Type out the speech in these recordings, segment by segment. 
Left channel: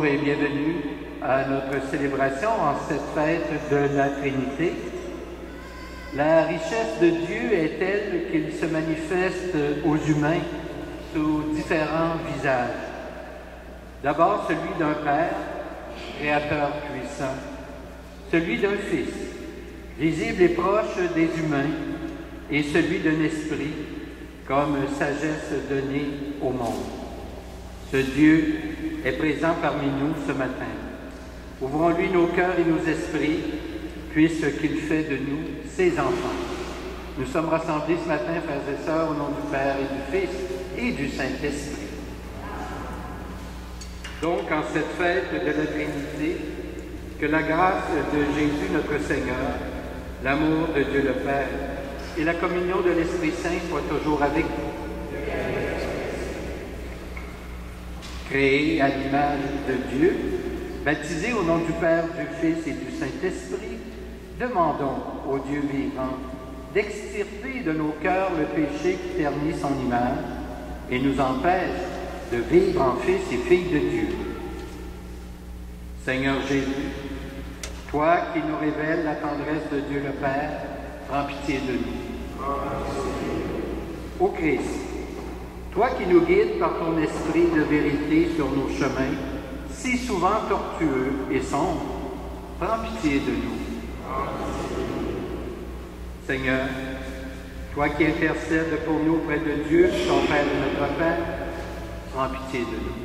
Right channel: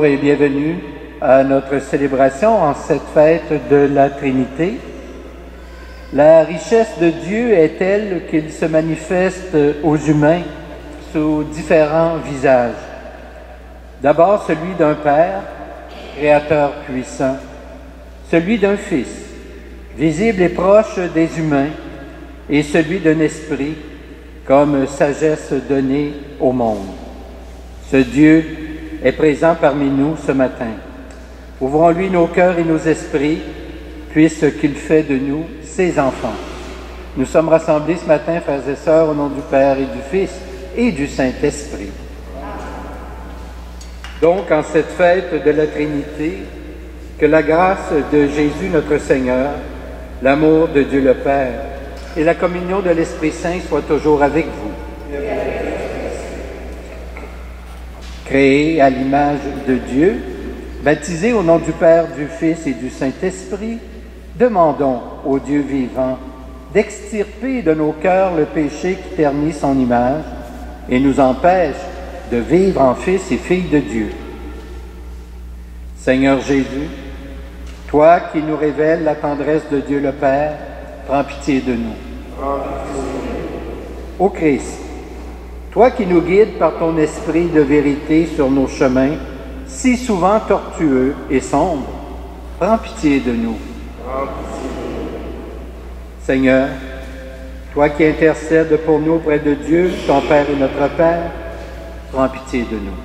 Bonjour et bienvenue à notre célébration en cette fête de la Trinité. La richesse de Dieu est telle qu'il se manifeste aux humains sous différents visages. D'abord celui d'un Père, Créateur puissant, celui d'un Fils, visible et proche des humains, et celui d'un Esprit, comme sagesse donnée au monde. Ce Dieu est présent parmi nous ce matin. Ouvrons-lui nos cœurs et nos esprits, puisqu'il fait de nous ses enfants. Nous sommes rassemblés ce matin, frères et sœurs, au nom du Père et du Fils et du Saint-Esprit. Donc, en cette fête de la Trinité, que la grâce de Jésus notre Seigneur, l'amour de Dieu le Père et la communion de l'Esprit Saint soient toujours avec vous. Créés à l'image de Dieu, baptisés au nom du Père, du Fils et du Saint-Esprit, demandons au Dieu vivant d'extirper de nos cœurs le péché qui ternit son image et nous empêche de vivre en fils et filles de Dieu. Seigneur Jésus, toi qui nous révèles la tendresse de Dieu le Père, prends pitié de nous. Ô Christ, toi qui nous guides par ton esprit de vérité sur nos chemins, si souvent tortueux et sombres, prends pitié de nous. Seigneur, toi qui intercèdes pour nous auprès de Dieu, ton Père et notre Père, prends pitié de nous.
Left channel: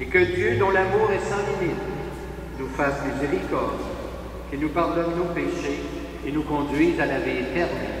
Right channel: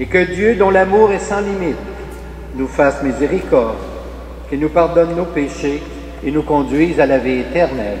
Et que Dieu, dont l'amour est sans limite, nous fasse miséricorde, qu'il nous pardonne nos péchés et nous conduise à la vie éternelle.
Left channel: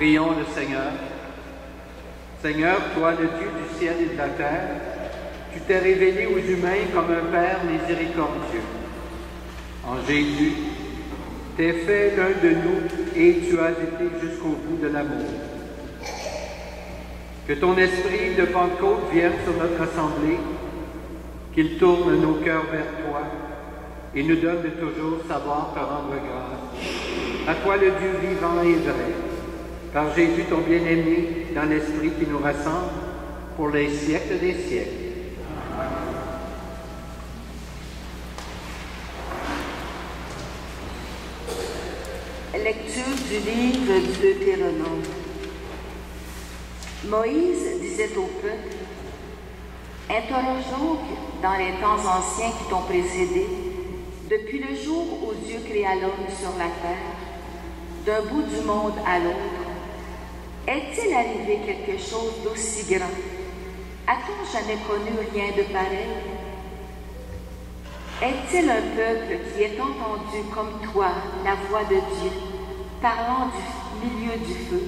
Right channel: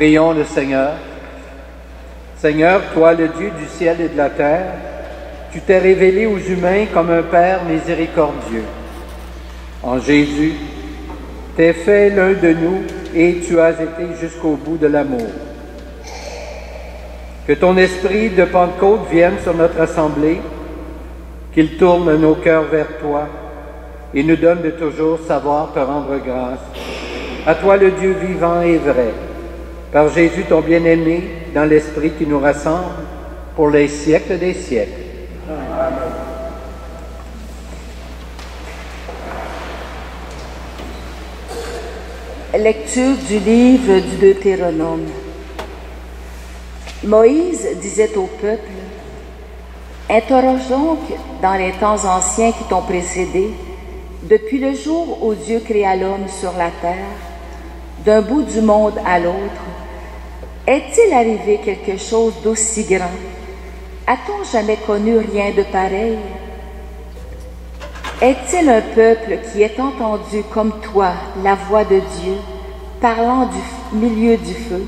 Prions le Seigneur. Seigneur, toi le Dieu du ciel et de la terre, tu t'es révélé aux humains comme un Père miséricordieux. En Jésus, t'es fait l'un de nous et tu as été jusqu'au bout de l'amour. Que ton esprit de Pentecôte vienne sur notre assemblée, qu'il tourne nos cœurs vers toi et nous donne de toujours savoir te rendre grâce. À toi le Dieu vivant et vrai, par Jésus ton bien-aimé, dans l'Esprit qui nous rassemble, pour les siècles des siècles. Lecture du livre du Deutéronome. Moïse disait au peuple: « Interroge donc dans les temps anciens qui t'ont précédé, depuis le jour où Dieu créa l'homme sur la terre, d'un bout du monde à l'autre, est-il arrivé quelque chose d'aussi grand? A-t-on jamais connu rien de pareil? Est-il un peuple qui ait entendu comme toi la voix de Dieu parlant du milieu du feu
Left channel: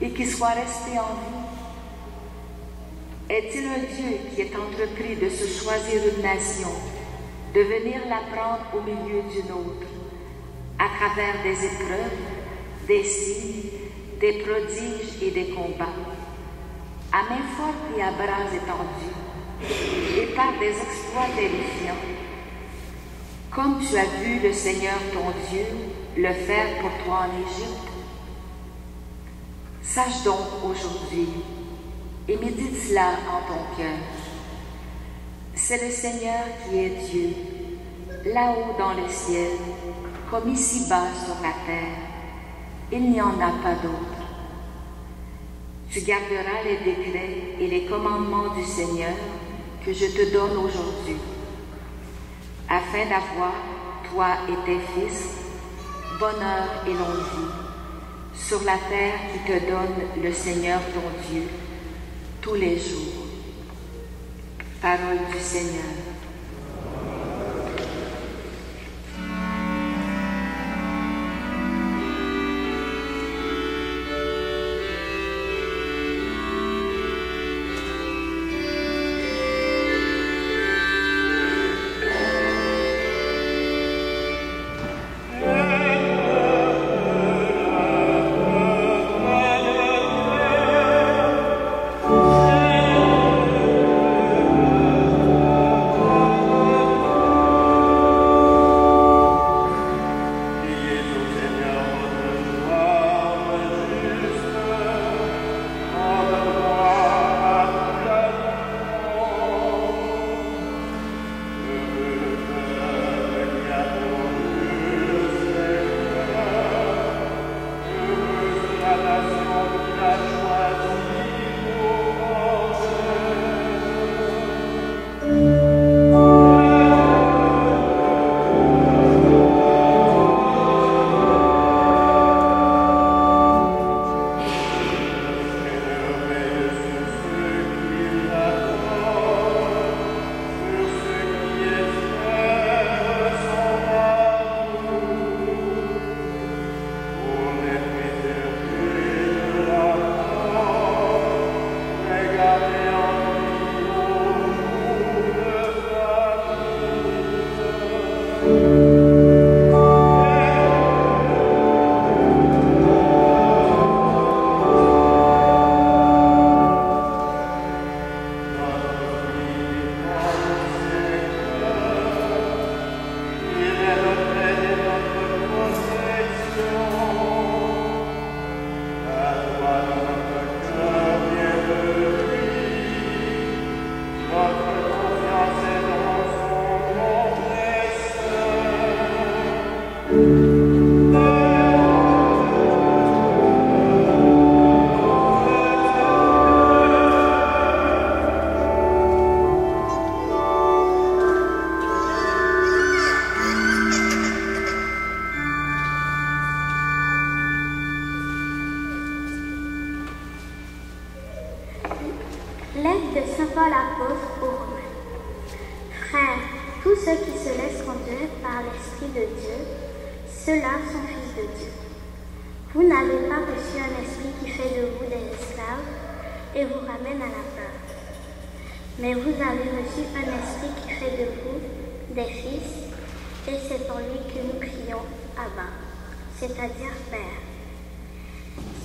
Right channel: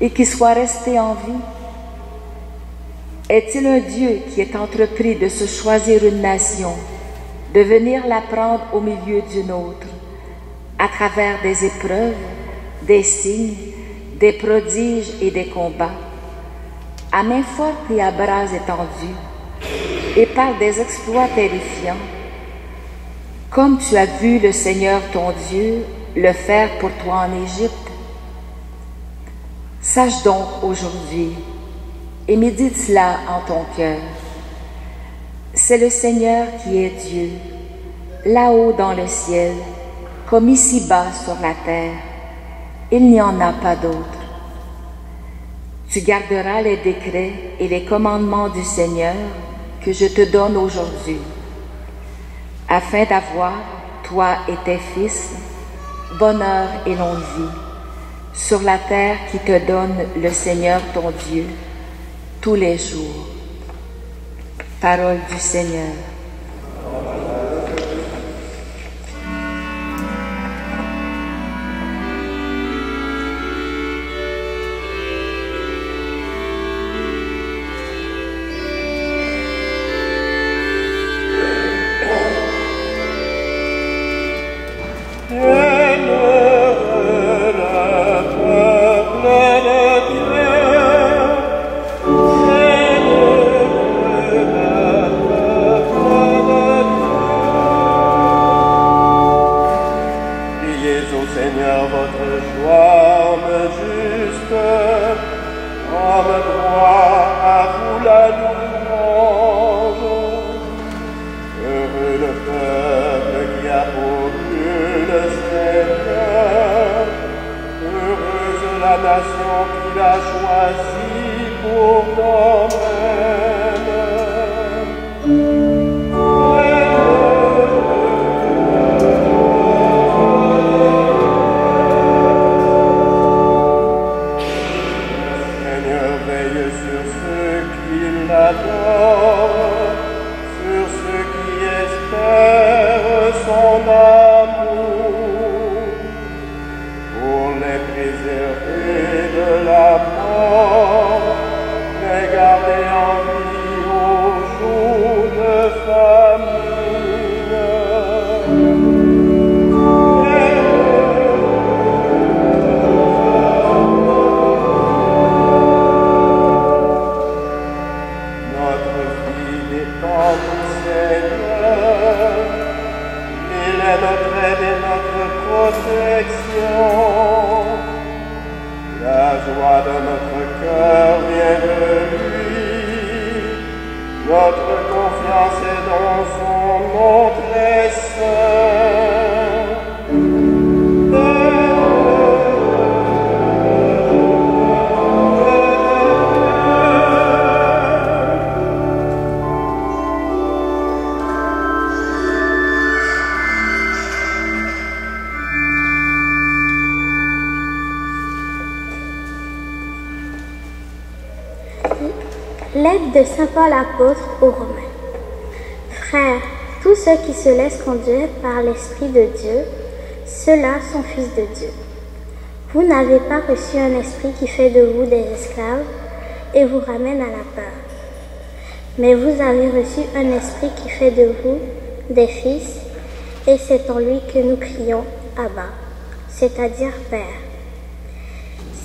et qui soit resté en vie? Est-il un Dieu qui ait entrepris de se choisir une nation, de venir la prendre au milieu d'une autre, à travers des épreuves, des signes, des prodiges et des combats, à main forte et à bras étendus, et par des exploits terrifiants, comme tu as vu le Seigneur ton Dieu le faire pour toi en Égypte? Sache donc aujourd'hui, et médite cela en ton cœur. C'est le Seigneur qui est Dieu, là-haut dans le ciel, comme ici-bas sur la terre. Il n'y en a pas d'autre. Tu garderas les décrets et les commandements du Seigneur que je te donne aujourd'hui, afin d'avoir, toi et tes fils, bonheur et longue vie, sur la terre qui te donne le Seigneur ton Dieu, tous les jours. Parole du Seigneur. Lettre de saint Paul apôtre aux Romains. Frères, tous ceux qui se laissent conduire par l'Esprit de Dieu, ceux-là sont fils de Dieu. Vous n'avez pas reçu un esprit qui fait de vous des esclaves et vous ramène à la peur. Mais vous avez reçu un esprit qui fait de vous des fils, et c'est en lui que nous crions Abba, c'est-à-dire Père.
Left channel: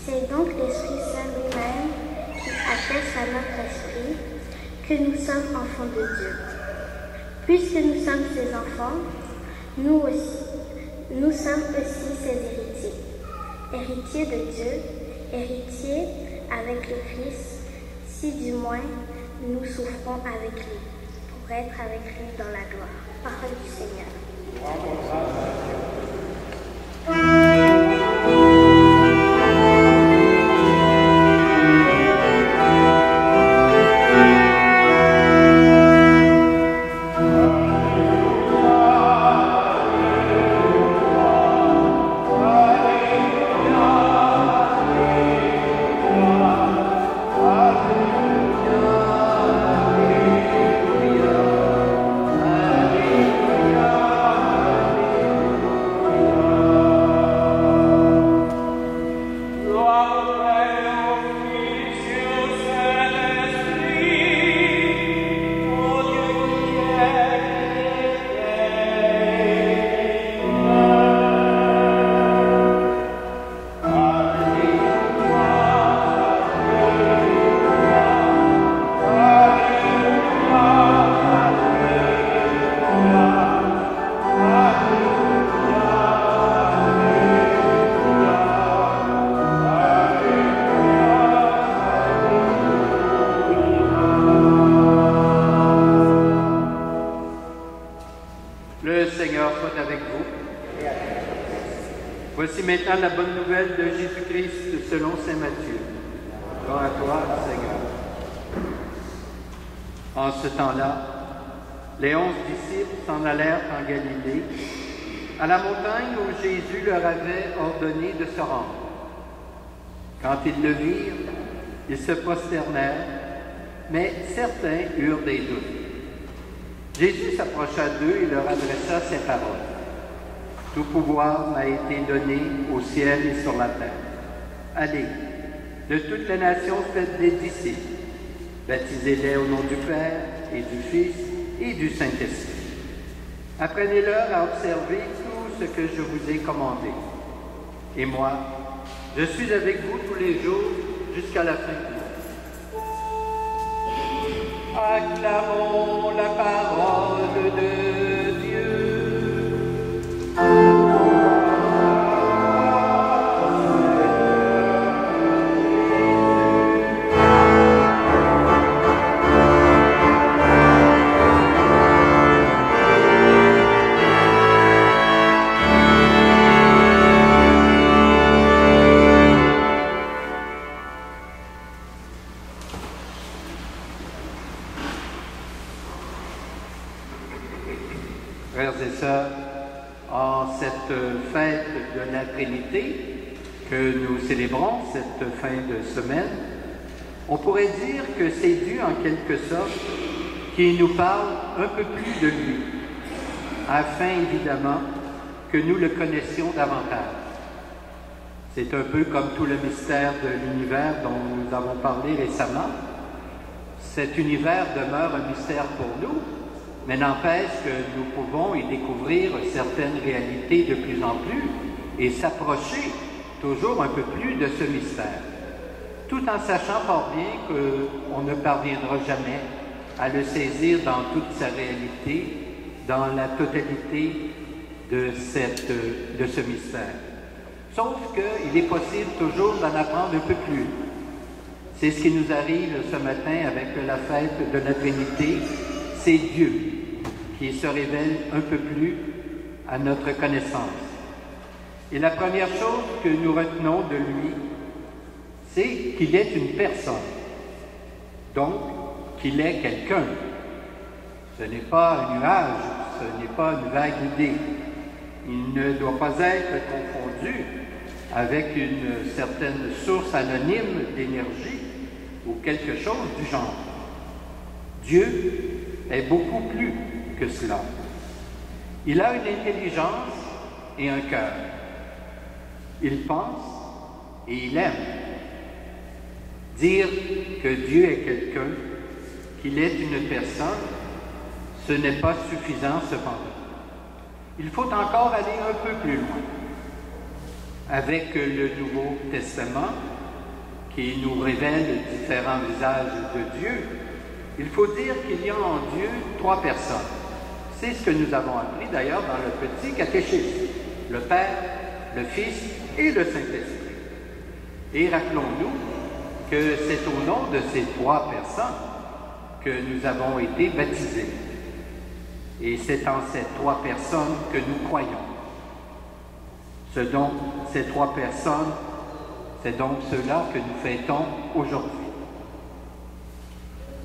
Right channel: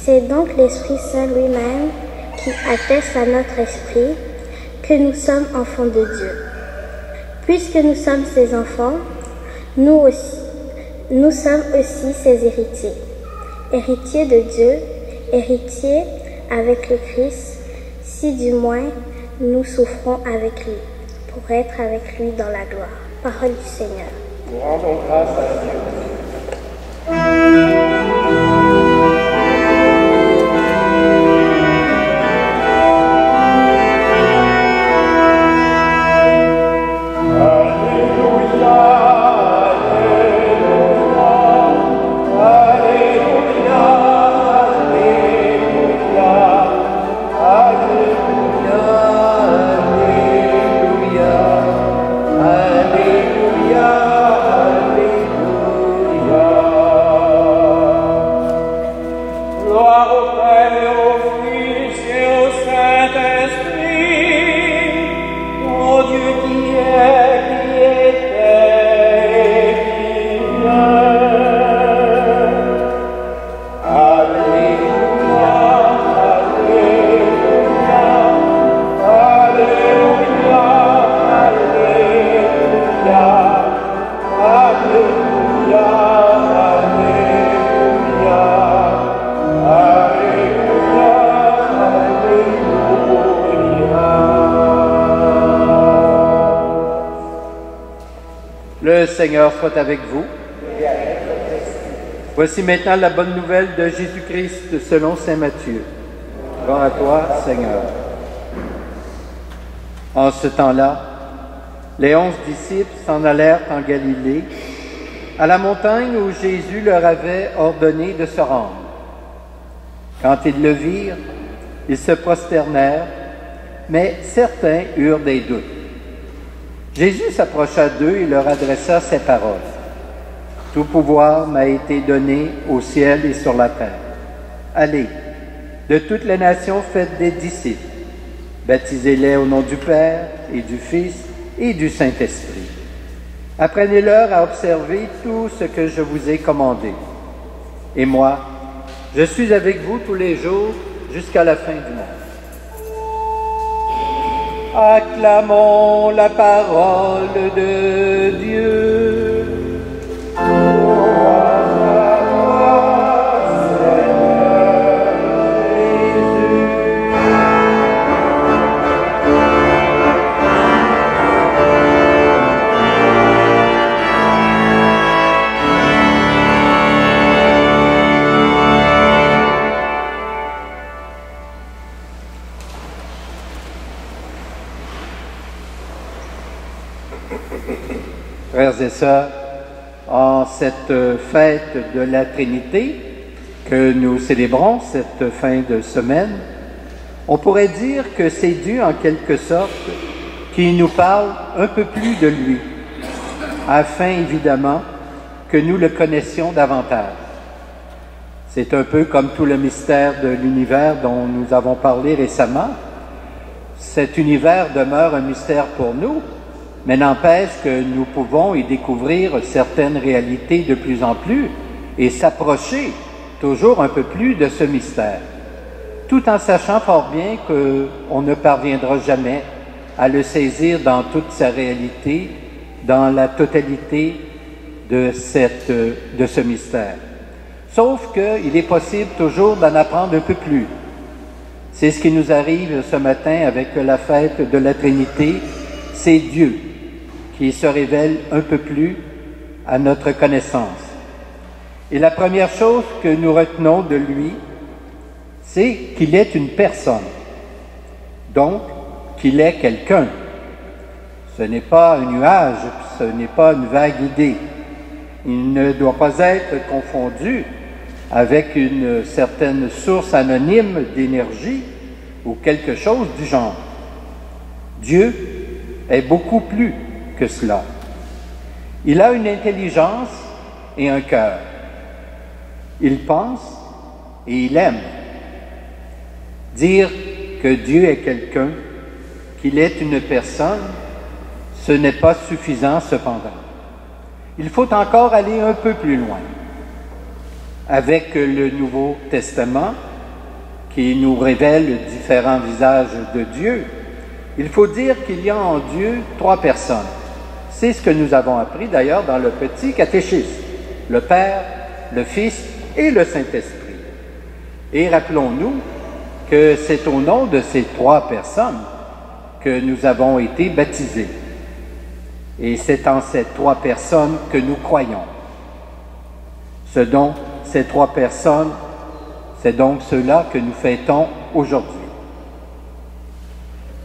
C'est donc l'Esprit Saint lui-même qui atteste à notre esprit que nous sommes enfants de Dieu. Puisque nous sommes ses enfants, nous sommes aussi ses héritiers. Héritiers de Dieu, héritiers avec le Christ, si du moins nous souffrons avec lui, pour être avec lui dans la gloire. Parole du Seigneur. Nous rendons grâce à Dieu. Le Seigneur soit avec vous. Voici maintenant la bonne nouvelle de Jésus-Christ selon saint Matthieu. Gloire à toi, Seigneur. En ce temps-là, les 11 disciples s'en allèrent en Galilée, à la montagne où Jésus leur avait ordonné de se rendre. Quand ils le virent, ils se prosternèrent, mais certains eurent des doutes. Jésus s'approcha d'eux et leur adressa ces paroles. « Tout pouvoir m'a été donné au ciel et sur la terre. Allez, de toutes les nations faites des disciples. Baptisez-les au nom du Père et du Fils et du Saint-Esprit. Apprenez-leur à observer tout ce que je vous ai commandé. Et moi, je suis avec vous tous les jours jusqu'à la fin du monde. » Acclamons la parole de Dieu. Frères et sœurs, en cette fête de la Trinité que nous célébrons cette fin de semaine, on pourrait dire que c'est Dieu en quelque sorte qui nous parle un peu plus de lui, afin évidemment que nous le connaissions davantage. C'est un peu comme tout le mystère de l'univers dont nous avons parlé récemment. Cet univers demeure un mystère pour nous, mais n'empêche que nous pouvons y découvrir certaines réalités de plus en plus et s'approcher toujours un peu plus de ce mystère, tout en sachant fort bien qu'on ne parviendra jamais à le saisir dans toute sa réalité, dans la totalité de ce mystère. Sauf qu'il est possible toujours d'en apprendre un peu plus. C'est ce qui nous arrive ce matin avec la fête de la Trinité, c'est Dieu qui se révèle un peu plus à notre connaissance. Et la première chose que nous retenons de lui, c'est qu'il est une personne, donc qu'il est quelqu'un. Ce n'est pas un nuage, ce n'est pas une vague idée. Il ne doit pas être confondu avec une certaine source anonyme d'énergie ou quelque chose du genre. Dieu est beaucoup plus que cela. Il a une intelligence et un cœur. Il pense et il aime. Dire que Dieu est quelqu'un, qu'il est une personne, ce n'est pas suffisant cependant. Il faut encore aller un peu plus loin. Avec le Nouveau Testament, qui nous révèle différents visages de Dieu, il faut dire qu'il y a en Dieu trois personnes. C'est ce que nous avons appris d'ailleurs dans le petit catéchisme, le Père, le Fils et le Saint-Esprit. Et rappelons-nous que c'est au nom de ces trois personnes que nous avons été baptisés. Et c'est en ces trois personnes que nous croyons. Ce dont ces trois personnes, c'est donc ceux-là que nous fêtons aujourd'hui.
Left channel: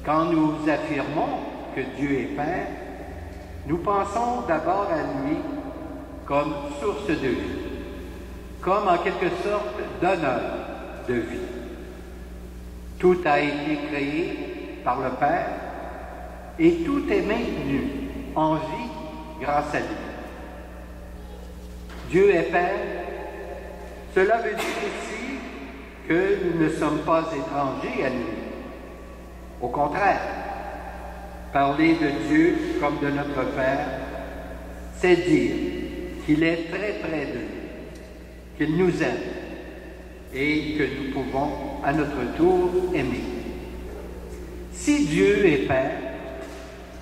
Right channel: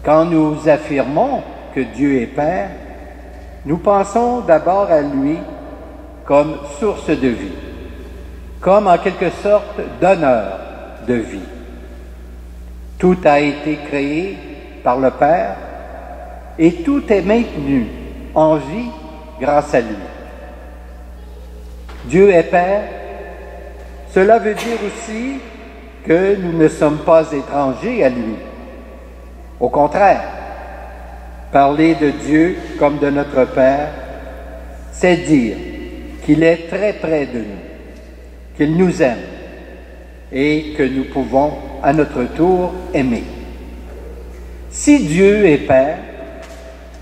Quand nous affirmons que Dieu est Père, nous pensons d'abord à lui comme source de vie, comme en quelque sorte donneur de vie. Tout a été créé par le Père et tout est maintenu en vie grâce à lui. Dieu est Père, cela veut dire aussi que nous ne sommes pas étrangers à lui. Au contraire, parler de Dieu comme de notre Père, c'est dire qu'il est très près de nous, qu'il nous aime et que nous pouvons à notre tour aimer. Si Dieu est Père,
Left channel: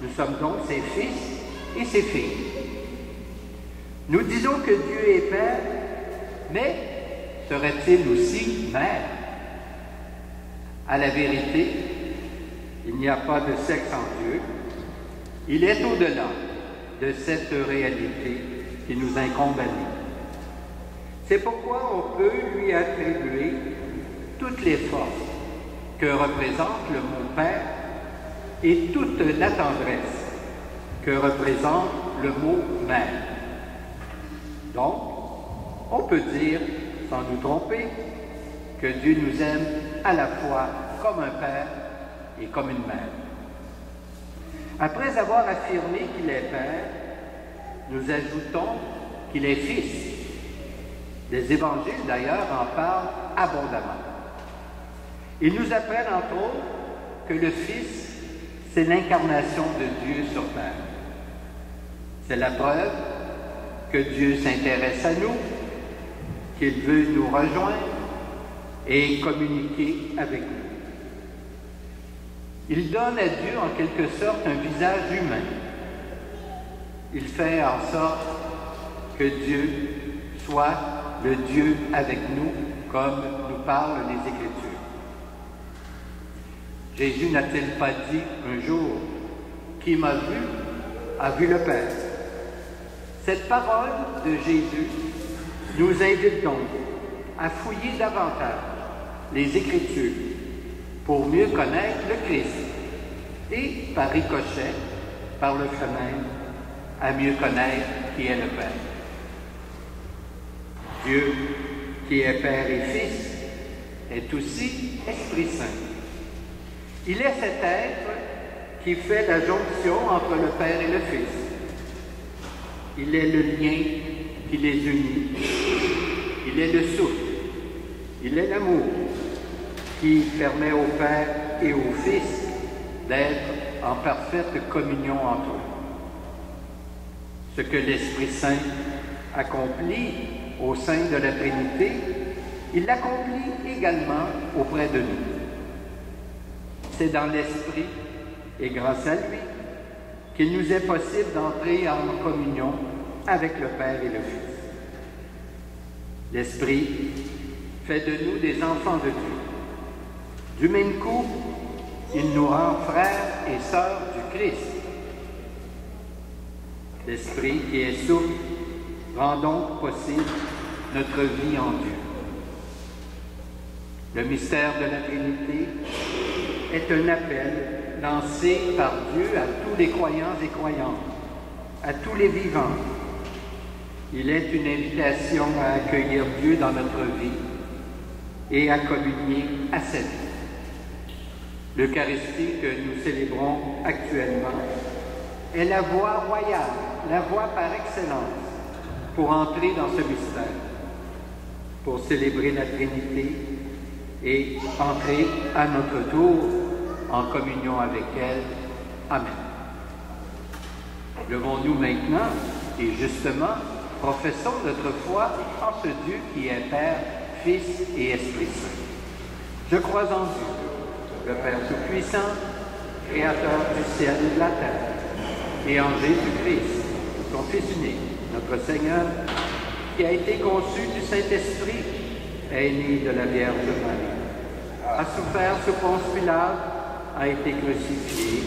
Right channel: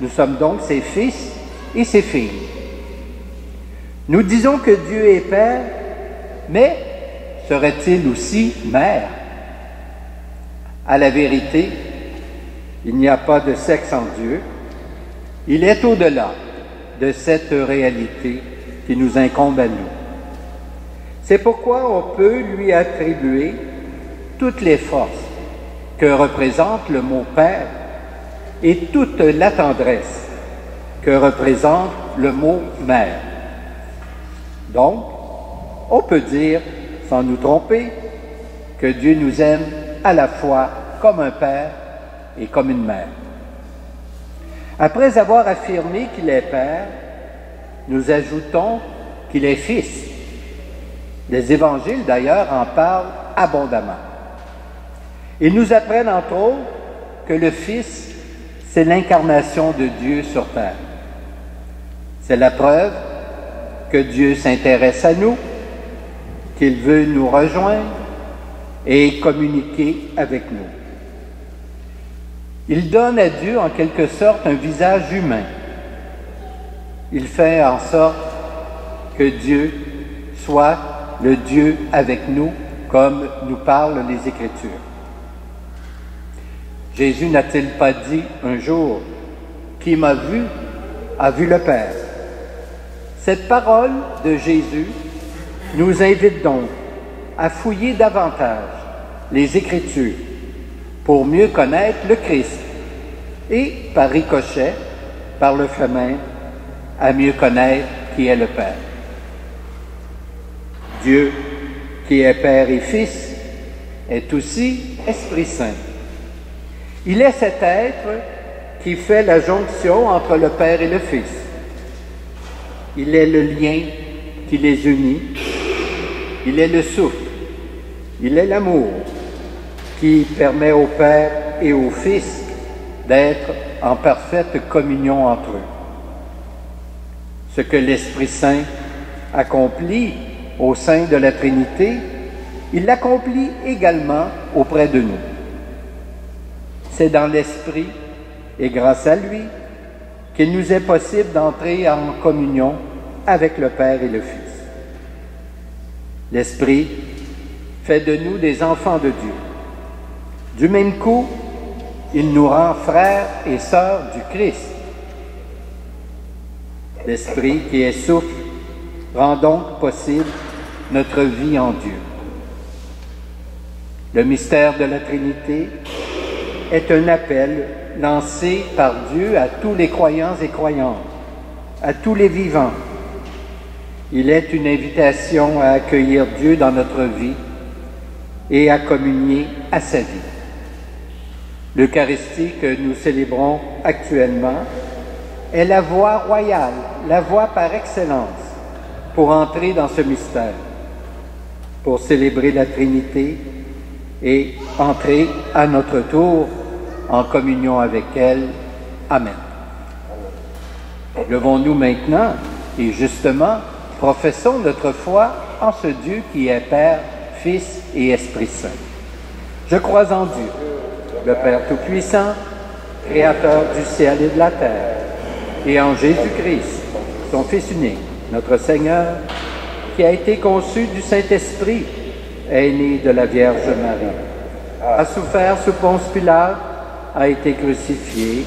nous sommes donc ses fils et ses filles. Nous disons que Dieu est Père, mais serait-il aussi Mère? À la vérité, il n'y a pas de sexe en Dieu. Il est au-delà de cette réalité qui nous incombe à nous. C'est pourquoi on peut lui attribuer toutes les forces que représente le mot Père et toute la tendresse que représente le mot Mère. Donc, on peut dire, sans nous tromper, que Dieu nous aime à la fois comme un Père et comme une mère. Après avoir affirmé qu'il est Père, nous ajoutons qu'il est Fils. Les évangiles, d'ailleurs, en parlent abondamment. Ils nous apprennent, entre autres, que le Fils, c'est l'incarnation de Dieu sur terre. C'est la preuve que Dieu s'intéresse à nous, qu'il veut nous rejoindre et communiquer avec nous. Il donne à Dieu en quelque sorte un visage humain. Il fait en sorte que Dieu soit le Dieu avec nous, comme nous parlent les Écritures. Jésus n'a-t-il pas dit un jour « Qui m'a vu, a vu le Père ». Cette parole de Jésus nous invite donc à fouiller davantage les Écritures pour mieux connaître le Christ et, par ricochet, par le chemin, à mieux connaître qui est le Père. Dieu, qui est Père et Fils, est aussi Esprit Saint. Il est cet être qui fait la jonction entre le Père et le Fils. Il est le lien qui les unit. Il est le souffle. Il est l'amour qui permet au Père et au Fils d'être en parfaite communion entre eux. Ce que l'Esprit Saint accomplit au sein de la Trinité, il l'accomplit également auprès de nous. C'est dans l'Esprit et grâce à lui qu'il nous est possible d'entrer en communion avec le Père et le Fils. L'Esprit fait de nous des enfants de Dieu. Du même coup, il nous rend frères et sœurs du Christ. L'Esprit qui est souffle rend donc possible notre vie en Dieu. Le mystère de la Trinité est un appel lancé par Dieu à tous les croyants et croyantes, à tous les vivants. Il est une invitation à accueillir Dieu dans notre vie et à communier à sa vie. L'Eucharistie que nous célébrons actuellement est la voie royale, la voie par excellence pour entrer dans ce mystère, pour célébrer la Trinité et entrer à notre tour en communion avec elle. Amen. Levons-nous maintenant et justement professons notre foi en ce Dieu qui est Père, Fils et Esprit Saint. Je crois en Dieu, le Père Tout-Puissant, Créateur du ciel et de la terre, et en Jésus-Christ, son Fils unique, notre Seigneur, qui a été conçu du Saint-Esprit, est né de la Vierge Marie, a souffert sous Ponce Pilate, a été crucifié,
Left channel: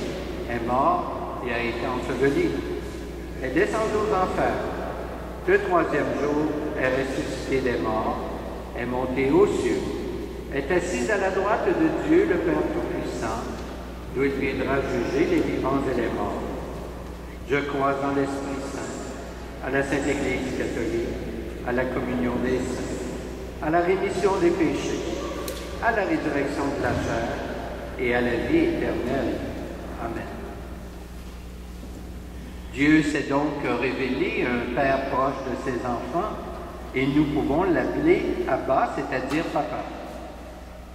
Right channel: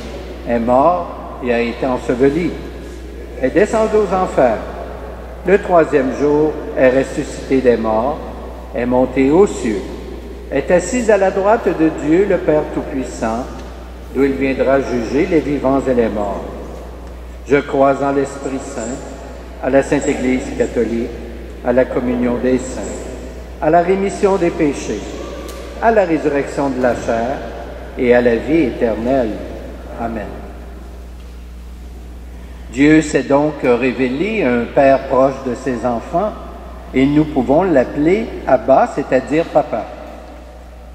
est mort et a été enseveli, est descendu aux enfers. Le troisième jour est ressuscité des morts, est monté aux cieux, est assis à la droite de Dieu, le Père Tout-Puissant, d'où il viendra juger les vivants et les morts. Je crois en l'Esprit Saint, à la Sainte Église catholique, à la communion des saints, à la rémission des péchés, à la résurrection de la chair et à la vie éternelle. Amen. Dieu s'est donc révélé un Père proche de ses enfants et nous pouvons l'appeler Abba, c'est-à-dire Papa.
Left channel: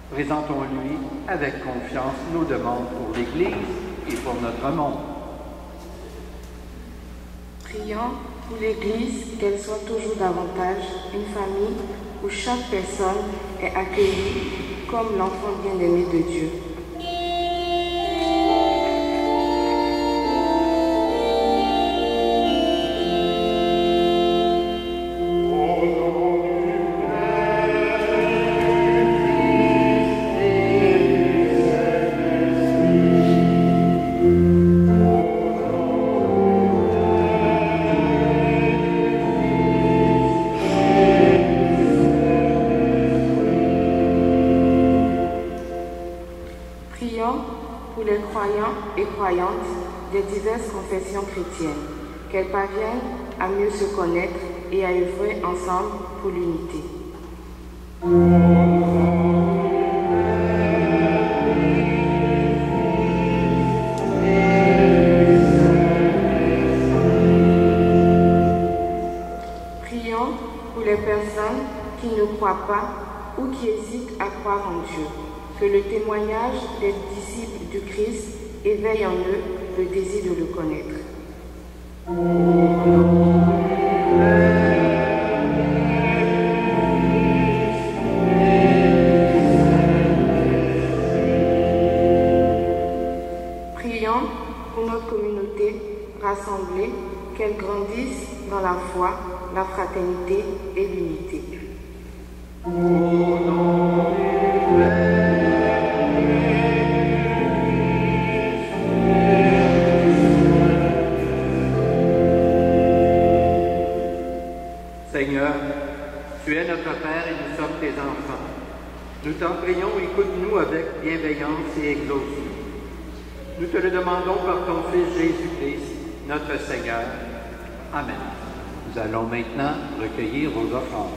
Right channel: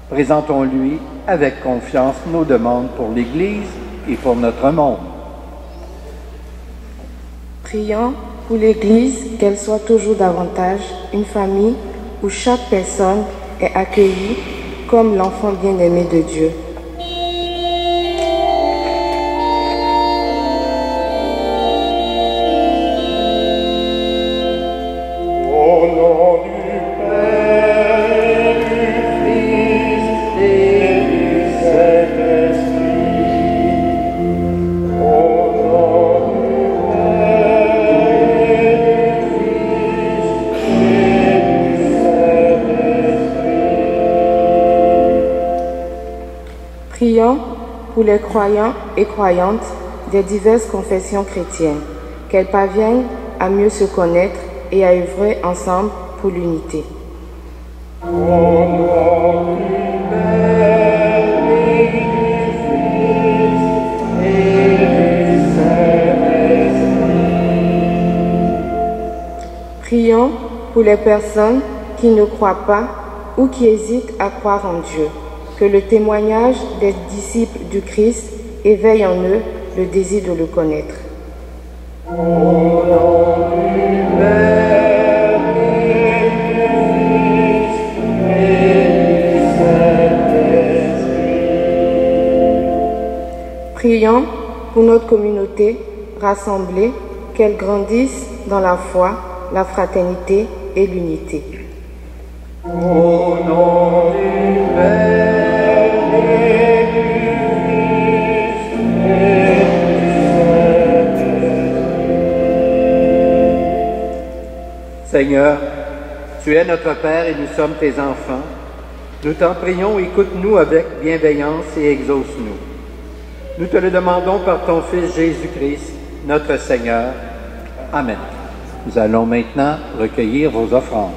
Présentons-lui avec confiance nos demandes pour l'Église et pour notre monde. Prions pour l'Église, qu'elle soit toujours davantage une famille où chaque personne est accueillie comme l'enfant bien-aimé de Dieu. Prions pour les croyants et croyantes des diverses confessions chrétiennes, qu'elles parviennent à mieux se connaître et à œuvrer ensemble pour l'unité. Prions pour les personnes qui ne croient pas ou qui hésitent à croire en Dieu, que le témoignage des disciples du Christ éveille en eux le désir de le connaître. Prions pour notre communauté rassemblée, qu'elle grandisse dans la foi, la fraternité et l'unité. Au nom du Père, Seigneur, tu es notre Père et nous sommes tes enfants. Nous t'en prions, écoute-nous avec bienveillance et exauce-nous. Nous te le demandons par ton Fils Jésus-Christ, notre Seigneur. Amen. Nous allons maintenant recueillir vos offrandes.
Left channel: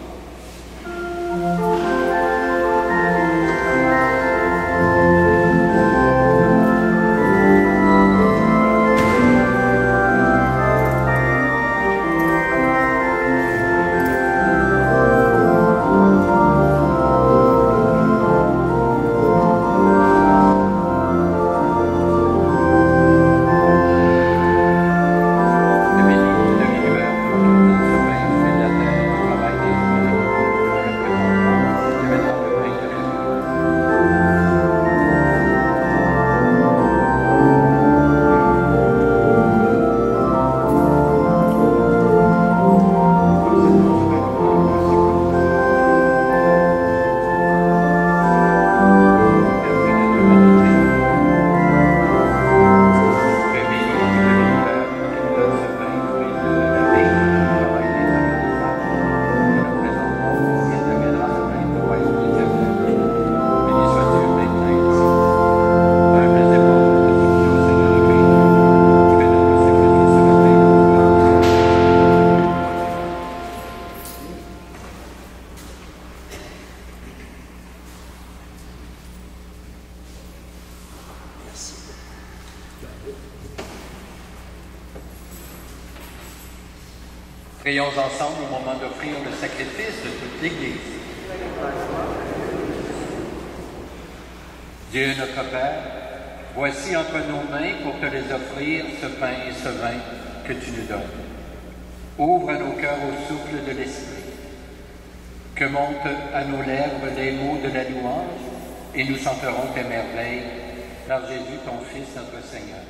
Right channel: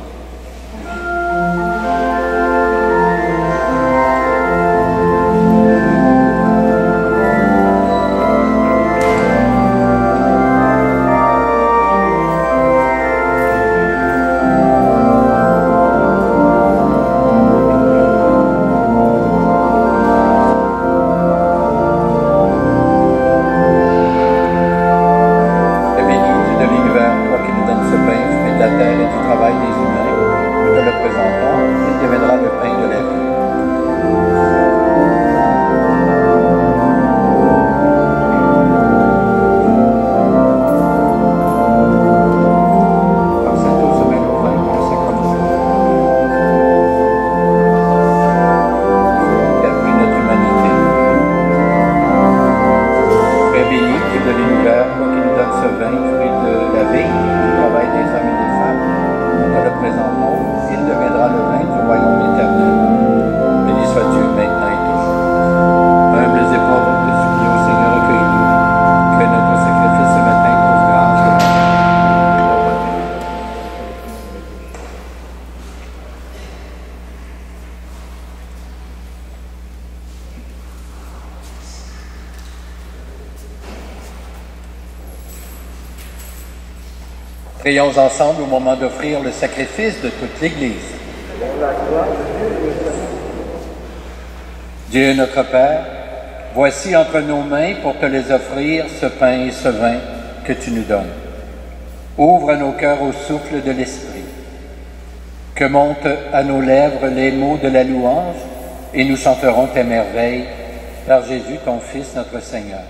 Prions ensemble au moment d'offrir le sacrifice de toute l'Église. Dieu notre Père, voici entre nos mains pour te les offrir ce pain et ce vin que tu nous donnes. Ouvre nos cœurs au souffle de l'Esprit. Que montent à nos lèvres les mots de la louange et nous chanterons tes merveilles par Jésus ton Fils notre Seigneur.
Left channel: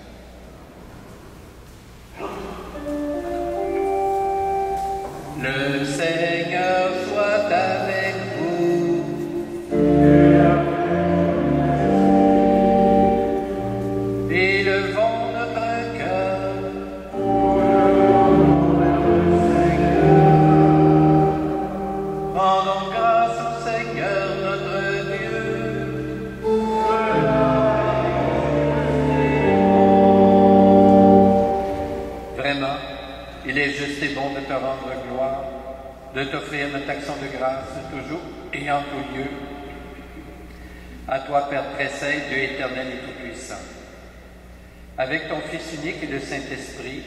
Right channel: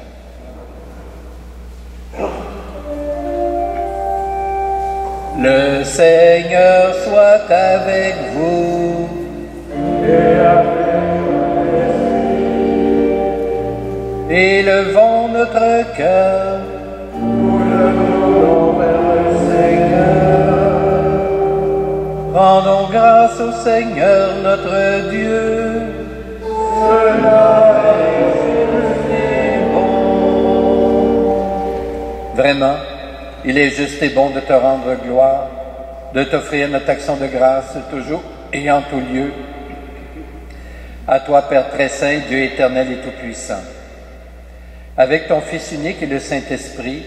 Le Seigneur soit avec vous. Et avec grâce au Seigneur notre Dieu. Vraiment, il est juste et bon de te rendre gloire, de t'offrir notre action de grâce toujours et en tout lieu. À toi, Père très saint, Dieu éternel et tout-puissant. Avec ton Fils unique et le Saint-Esprit,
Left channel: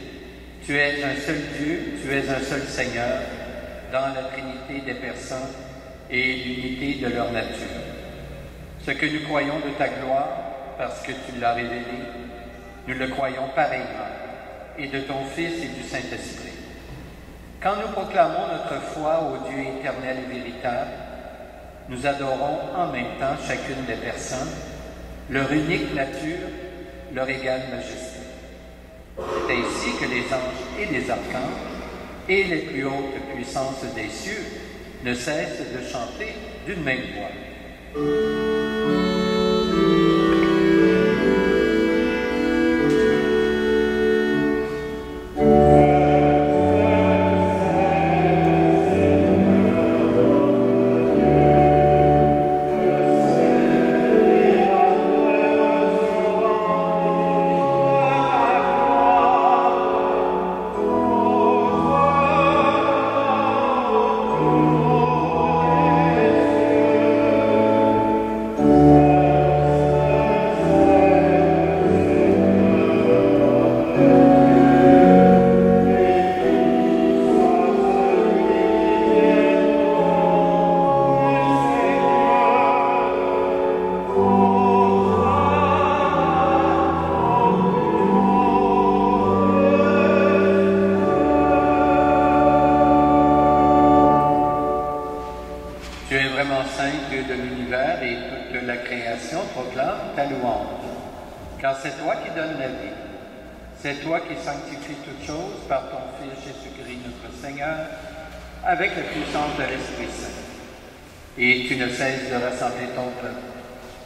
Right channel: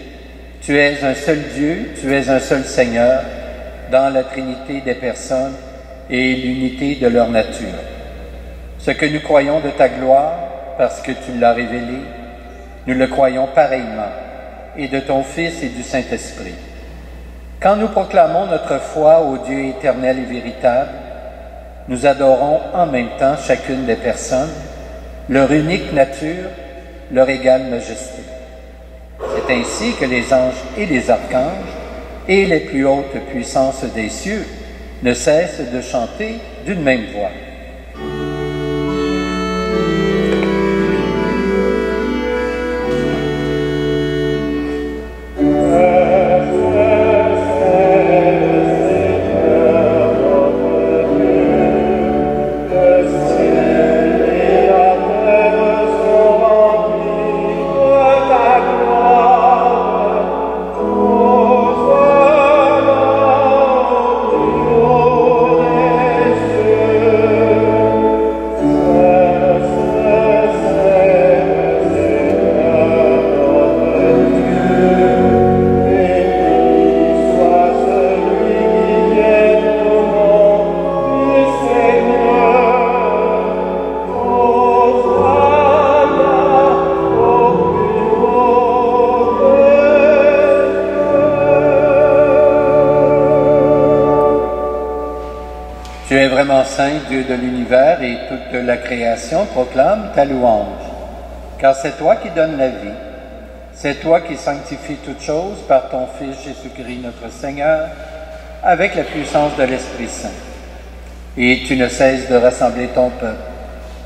tu es un seul Dieu, tu es un seul Seigneur, dans la Trinité des personnes et l'unité de leur nature. Ce que nous croyons de ta gloire, parce que tu l'as révélé, nous le croyons pareillement, et de ton Fils et du Saint-Esprit. Quand nous proclamons notre foi au Dieu éternel et véritable, nous adorons en même temps chacune des personnes, leur unique nature, leur égale majesté. C'est ainsi que les anges et les archanges et les plus hautes puissances des cieux ne cessent de chanter d'une même voix. Saint, Dieu de l'univers et toute la création proclame ta louange. Car c'est toi qui donnes la vie, c'est toi qui sanctifies toutes choses par ton Fils Jésus-Christ notre Seigneur, avec la puissance de l'Esprit Saint. Et tu ne cesses de rassembler ton peuple,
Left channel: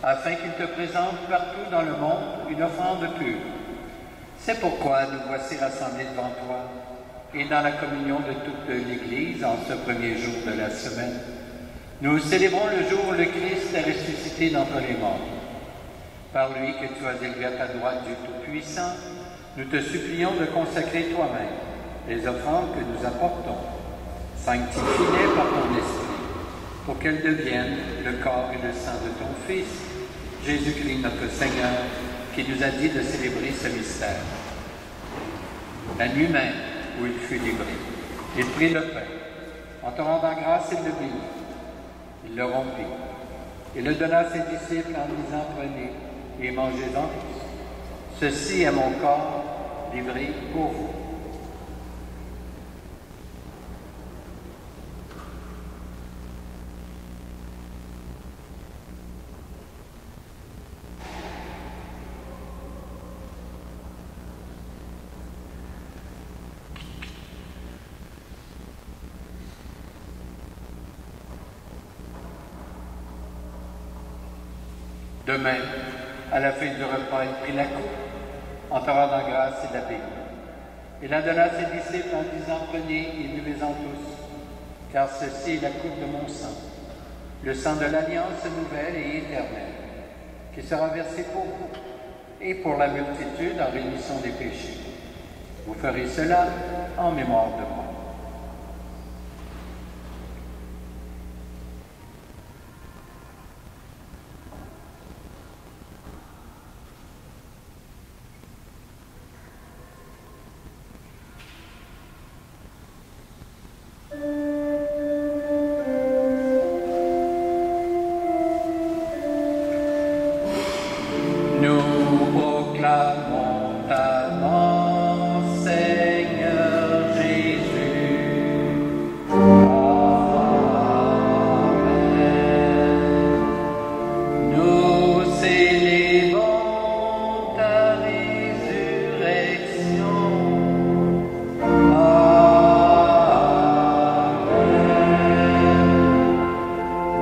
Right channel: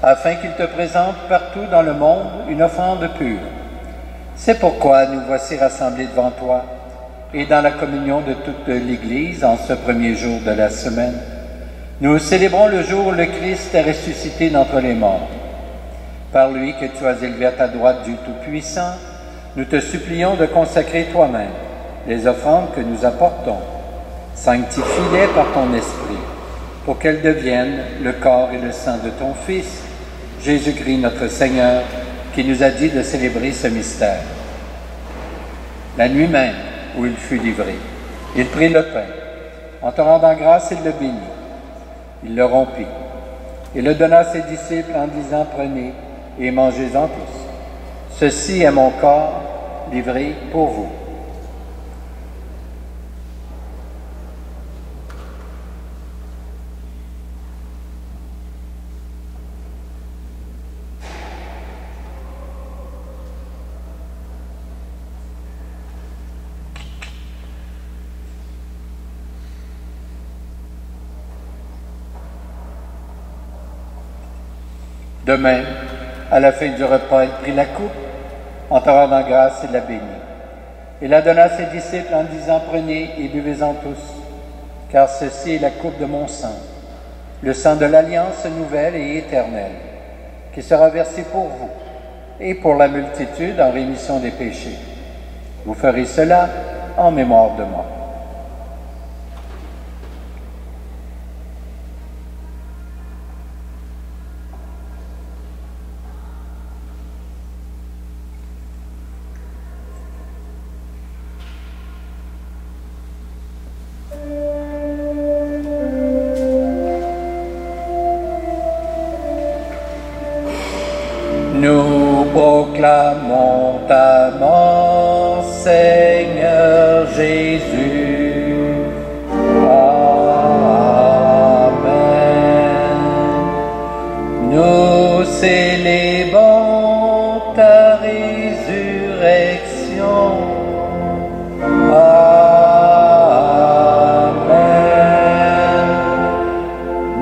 afin qu'il te présente partout dans le monde une offrande pure. C'est pourquoi nous voici rassemblés devant toi, et dans la communion de toute l'Église en ce premier jour de la semaine. Nous célébrons le jour où le Christ est ressuscité d'entre les morts. Par lui que tu as élevé à ta droite Dieu Tout-Puissant, nous te supplions de consacrer toi-même les offrandes que nous apportons. Sanctifie-les par ton Esprit, pour qu'elles deviennent le corps et le sang de ton Fils, Jésus-Christ notre Seigneur, qui nous a dit de célébrer ce mystère. La nuit même où il fut livré, il prit le pain. En te rendant grâce, il le bénit. Il le rompit et le donna à ses disciples en disant, prenez et mangez-en tous. Ceci est mon corps livré pour vous. Demain, à la fin du repas, il prit la coupe, en te rendant grâce, il la bénit. Il la donna à ses disciples en disant, prenez et buvez-en tous, car ceci est la coupe de mon sang, le sang de l'alliance nouvelle et éternelle, qui sera versé pour vous et pour la multitude en rémission des péchés. Vous ferez cela en mémoire de moi. Nous proclamons ta mort, Seigneur Jésus. Amen. Nous célébrons ta résurrection. Amen.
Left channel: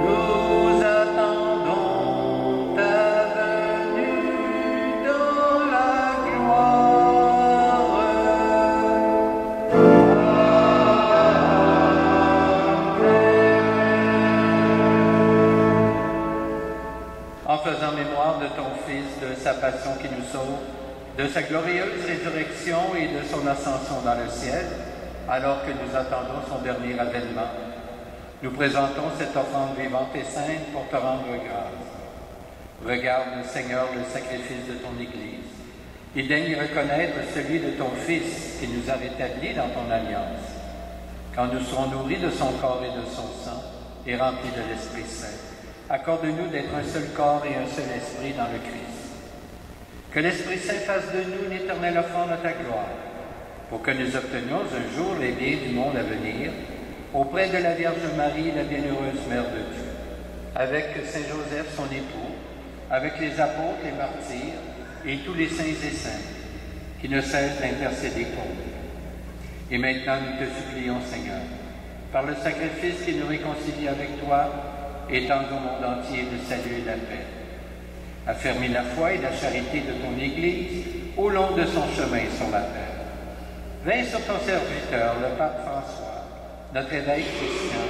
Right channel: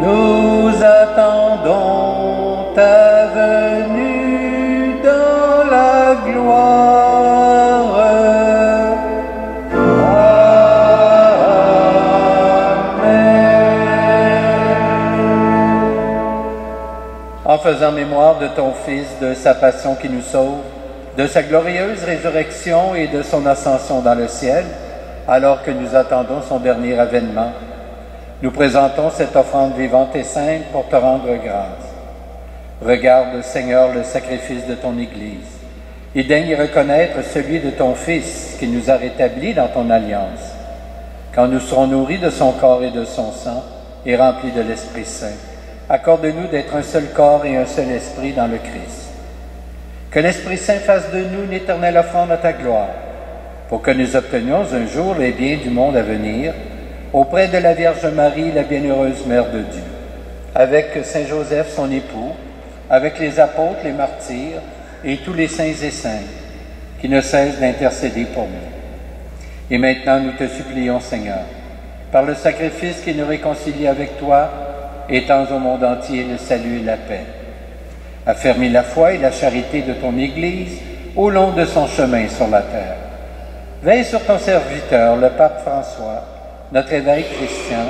Nous attendons ta venue dans la gloire. en faisant mémoire de ton Fils, de sa passion qui nous sauve, de sa glorieuse résurrection et de son ascension dans le ciel, alors que nous attendons son dernier avènement. Nous présentons cette offrande vivante et sainte pour te rendre grâce. Regarde, Seigneur, le sacrifice de ton Église, et daigne y reconnaître celui de ton Fils qui nous a rétablis dans ton alliance. Quand nous serons nourris de son corps et de son sang, et remplis de l'Esprit Saint, accorde-nous d'être un seul corps et un seul esprit dans le Christ. Que l'Esprit Saint fasse de nous une éternelle offrande à ta gloire, pour que nous obtenions un jour les biens du monde à venir, auprès de la Vierge Marie, la bienheureuse Mère de Dieu, avec Saint Joseph, son époux, avec les apôtres, les martyrs, et tous les saints et saintes, qui ne cessent d'intercéder pour nous. Et maintenant, nous te supplions, Seigneur, par le sacrifice qui nous réconcilie avec toi, étends au monde entier le salut et la paix. Affermis la foi et la charité de ton Église au long de son chemin sur la terre. Veille sur ton serviteur, le pape François, notre évêque Christian,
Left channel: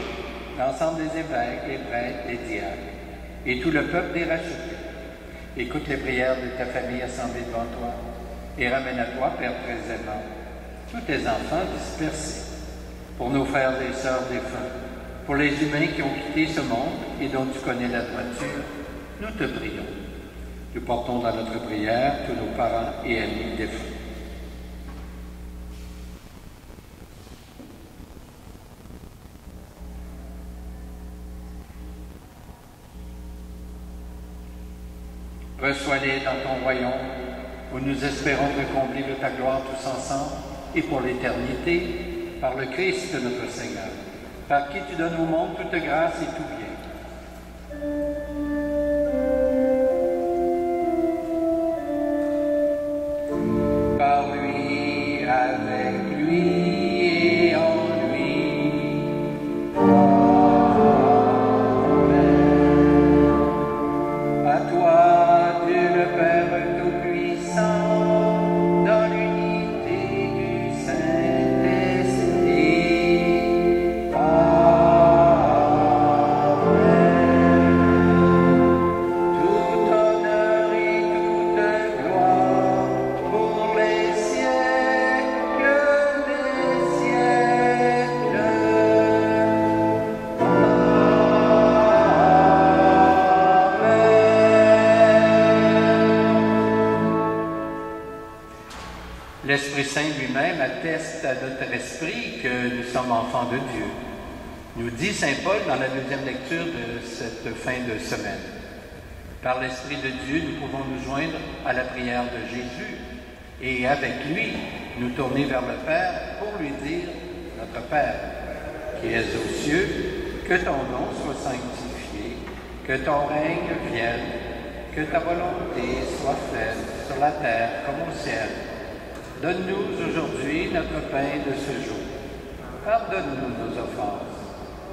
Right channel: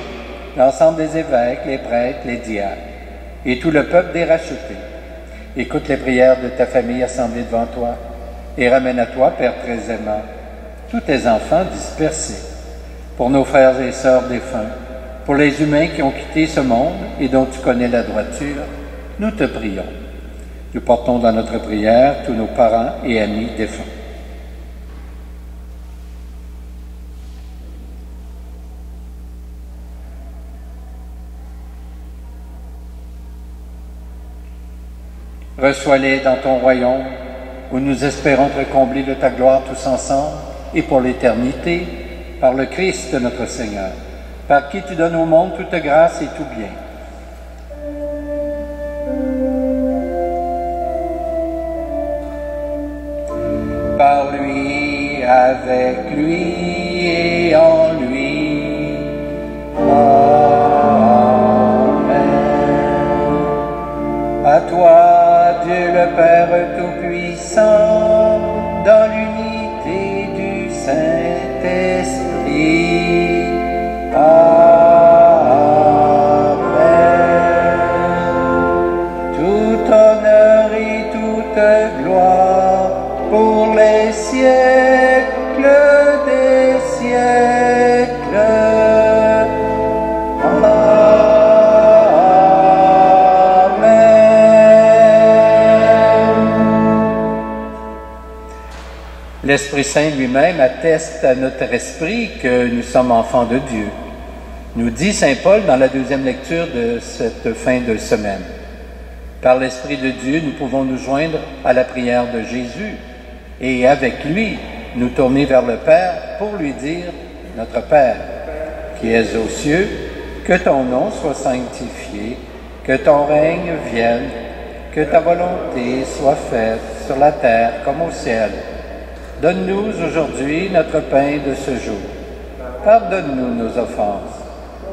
l'ensemble des évêques, les prêtres, les diacres, et tout le peuple des rachetés. Écoute les prières de ta famille assemblée devant toi, et ramène à toi, Père très aimant, tous tes enfants dispersés, pour nos frères et sœurs défunts, pour les humains qui ont quitté ce monde et dont tu connais la droiture, nous te prions. Nous portons dans notre prière tous nos parents et amis défunts. Reçois-les dans ton royaume, où nous espérons te combler de ta gloire tous ensemble, et pour l'éternité, par le Christ notre Seigneur, par qui tu donnes au monde toute grâce et tout bien. Par lui, avec lui et en lui. Amen. À toi, Dieu le Père Tout-Puissant, dans l'unité du Saint-Esprit. Amen. Tout honneur et toute gloire pour les siècles des siècles. L'Esprit Saint lui-même atteste à notre esprit que nous sommes enfants de Dieu. Nous dit Saint Paul dans la deuxième lecture de cette fin de semaine. Par l'Esprit de Dieu, nous pouvons nous joindre à la prière de Jésus et avec lui, nous tourner vers le Père pour lui dire « Notre Père, qui es aux cieux, que ton nom soit sanctifié, que ton règne vienne, que ta volonté soit faite sur la terre comme au ciel. Donne-nous aujourd'hui notre pain de ce jour. Pardonne-nous nos offenses,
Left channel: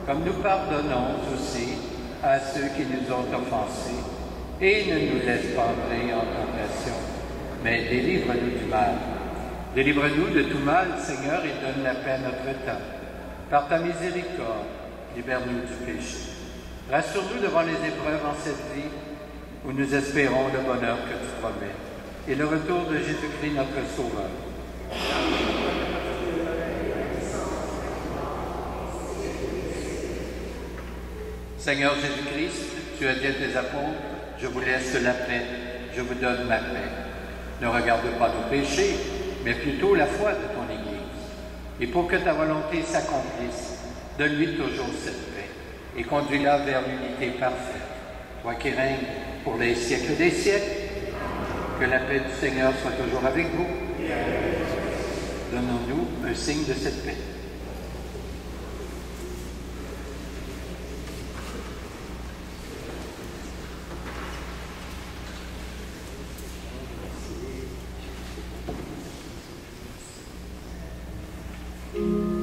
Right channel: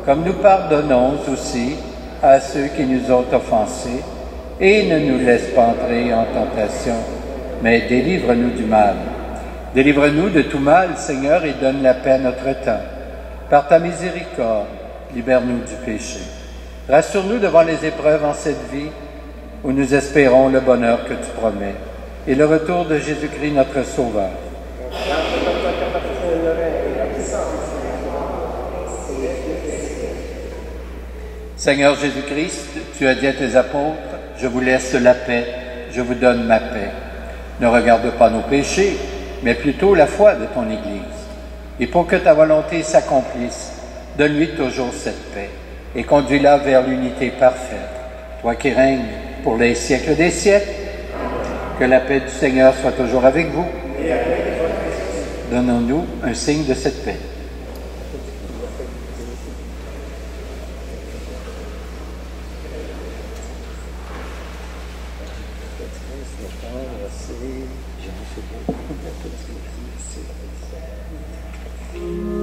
comme nous pardonnons aussi à ceux qui nous ont offensés, et ne nous laisse pas entrer en tentation, mais délivre-nous du mal. Délivre-nous de tout mal, Seigneur, et donne la paix à notre temps. Par ta miséricorde, libère-nous du péché. Rassure-nous devant les épreuves en cette vie, où nous espérons le bonheur que tu promets, et le retour de Jésus-Christ, notre Sauveur. Seigneur Jésus-Christ, tu as dit à tes apôtres, « Je vous laisse la paix, je vous donne ma paix. » Ne regarde pas nos péchés, mais plutôt la foi de ton Église. Et pour que ta volonté s'accomplisse, donne-lui toujours cette paix, et conduis-la vers l'unité parfaite. Toi qui règnes pour les siècles des siècles, que la paix du Seigneur soit toujours avec vous. Donnons-nous un signe de cette paix. Amen.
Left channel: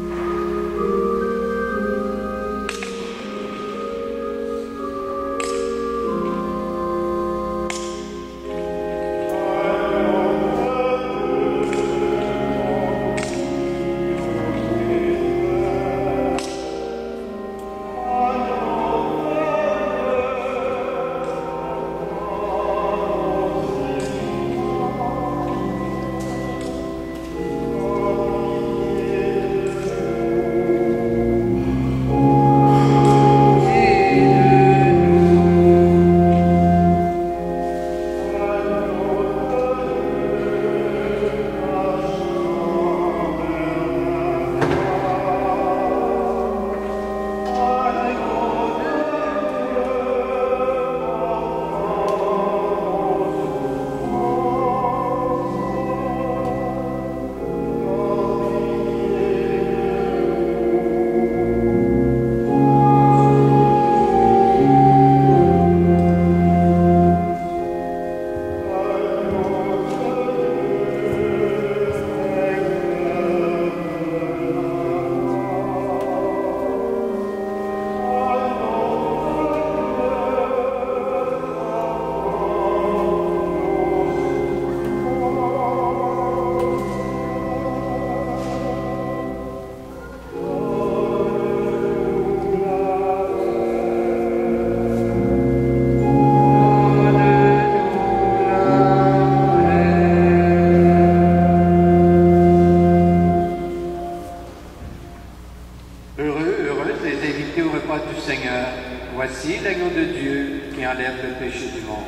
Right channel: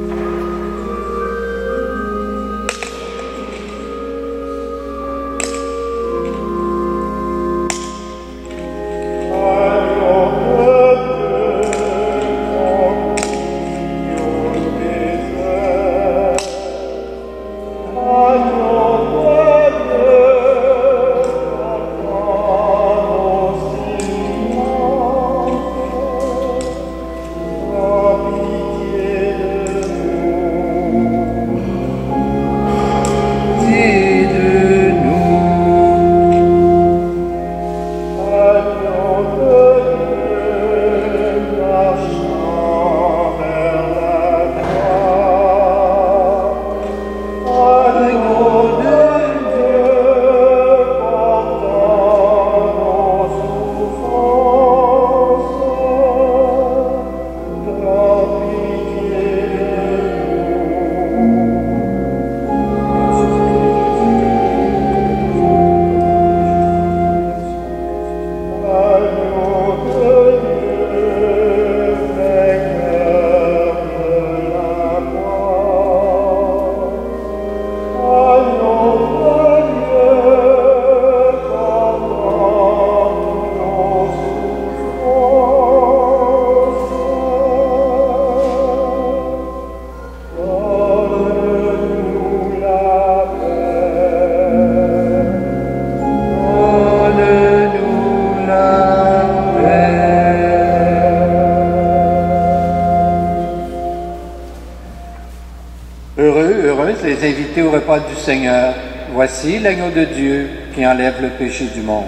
Levez-vous, repas du Seigneur. Voici l'agneau de Dieu qui enlève le péché du monde.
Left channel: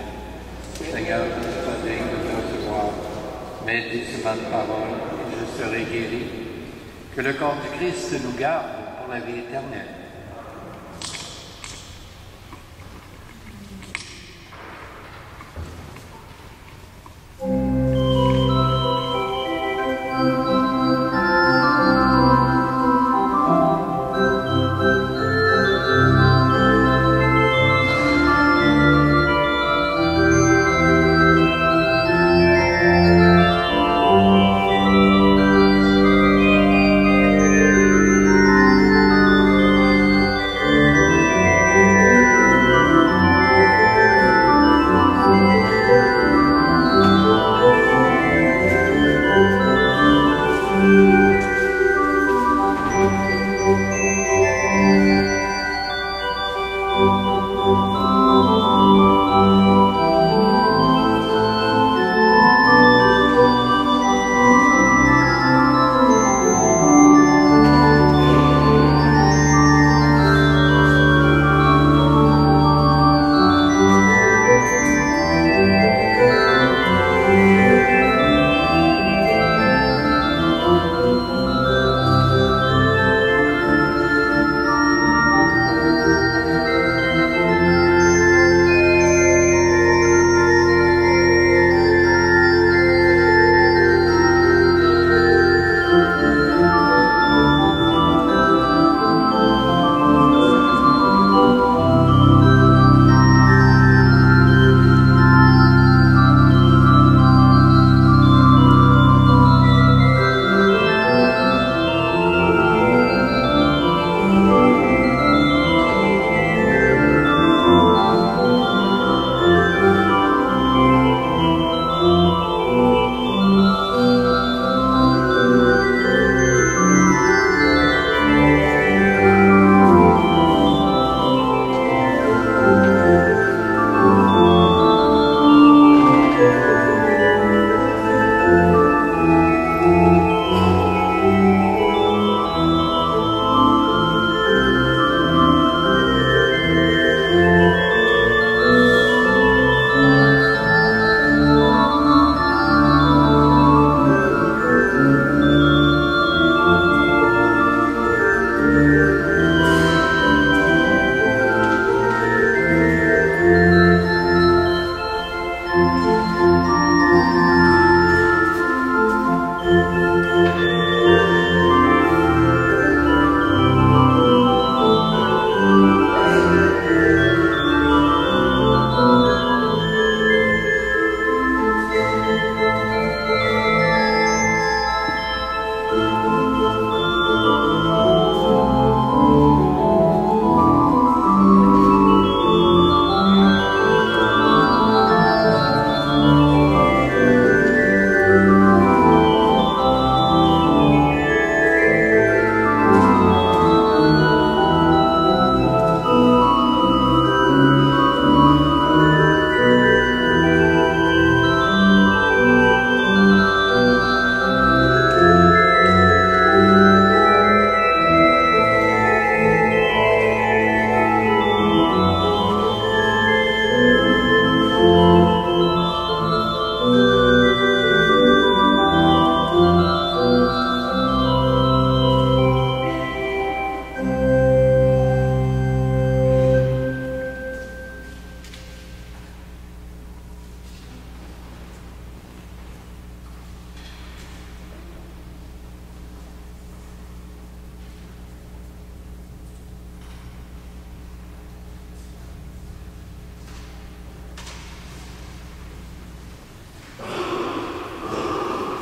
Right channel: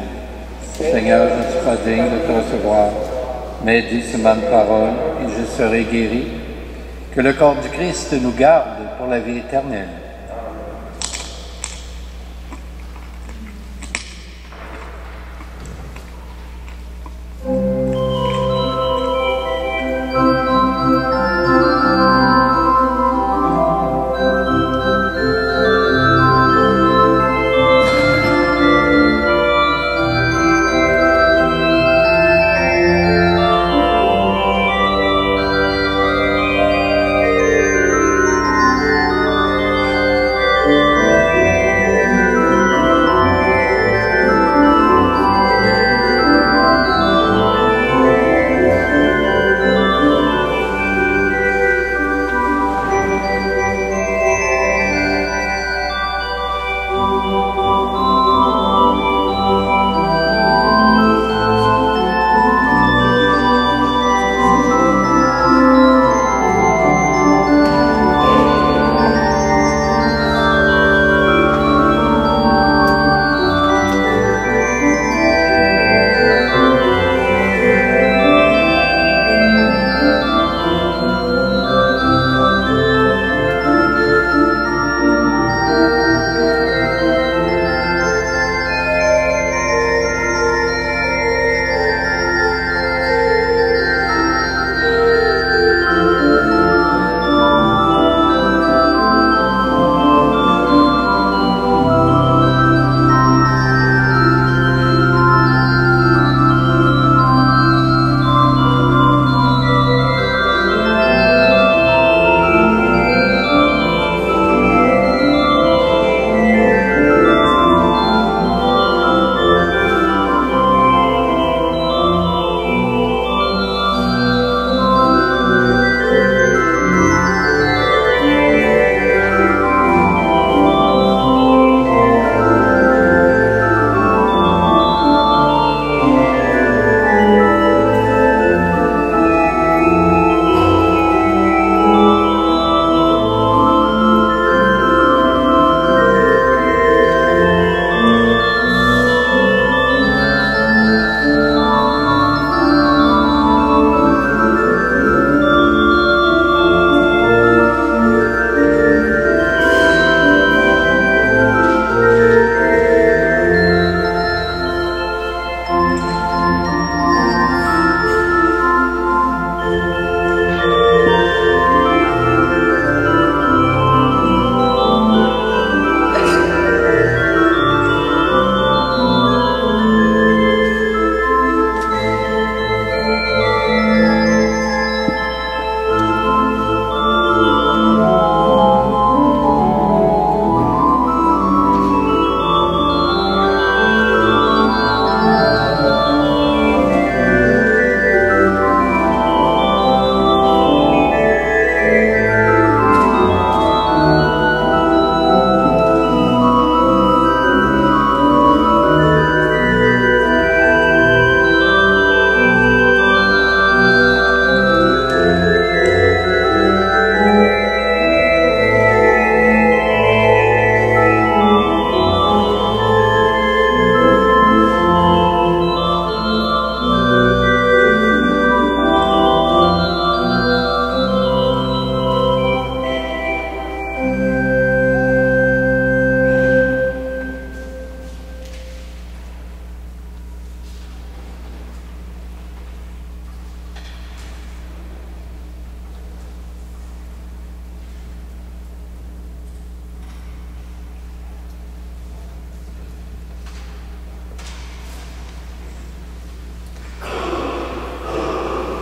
Seigneur, je ne suis pas digne de te recevoir, mais dis seulement une parole et je serai guéri. Que le corps du Christ nous garde pour la vie éternelle.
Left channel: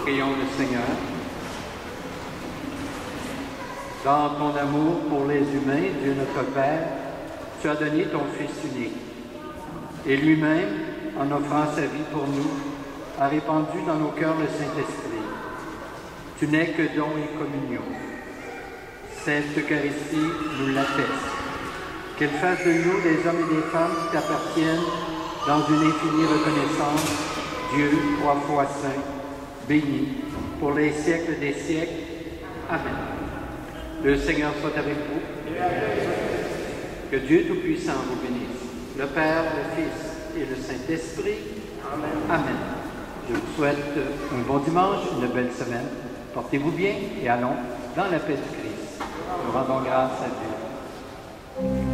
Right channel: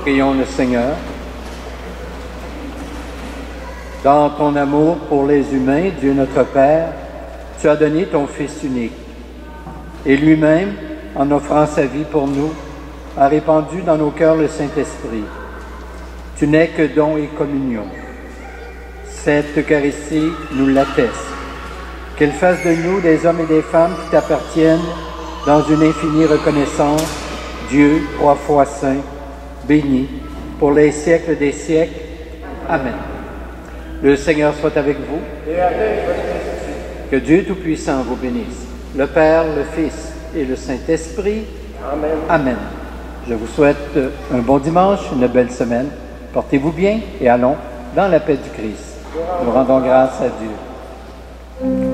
Prions le Seigneur. Dans ton amour pour les humains, Dieu notre Père, tu as donné ton Fils unique. Et lui-même, en offrant sa vie pour nous, a répandu dans nos cœurs le Saint-Esprit. Tu n'es que don et communion. Cette Eucharistie nous l'atteste. Qu'elle fasse de nous des hommes et des femmes qui t'appartiennent dans une infinie reconnaissance, Dieu, trois fois saint, béni, pour les siècles des siècles. Amen. Le Seigneur soit avec vous. Et avec votre esprit. Que Dieu Tout-Puissant vous bénisse, le Père, le Fils et le Saint-Esprit. Amen. Amen. Je vous souhaite un bon dimanche, une belle semaine. Portez-vous bien et allons dans la paix du Christ. Nous rendons grâce à Dieu.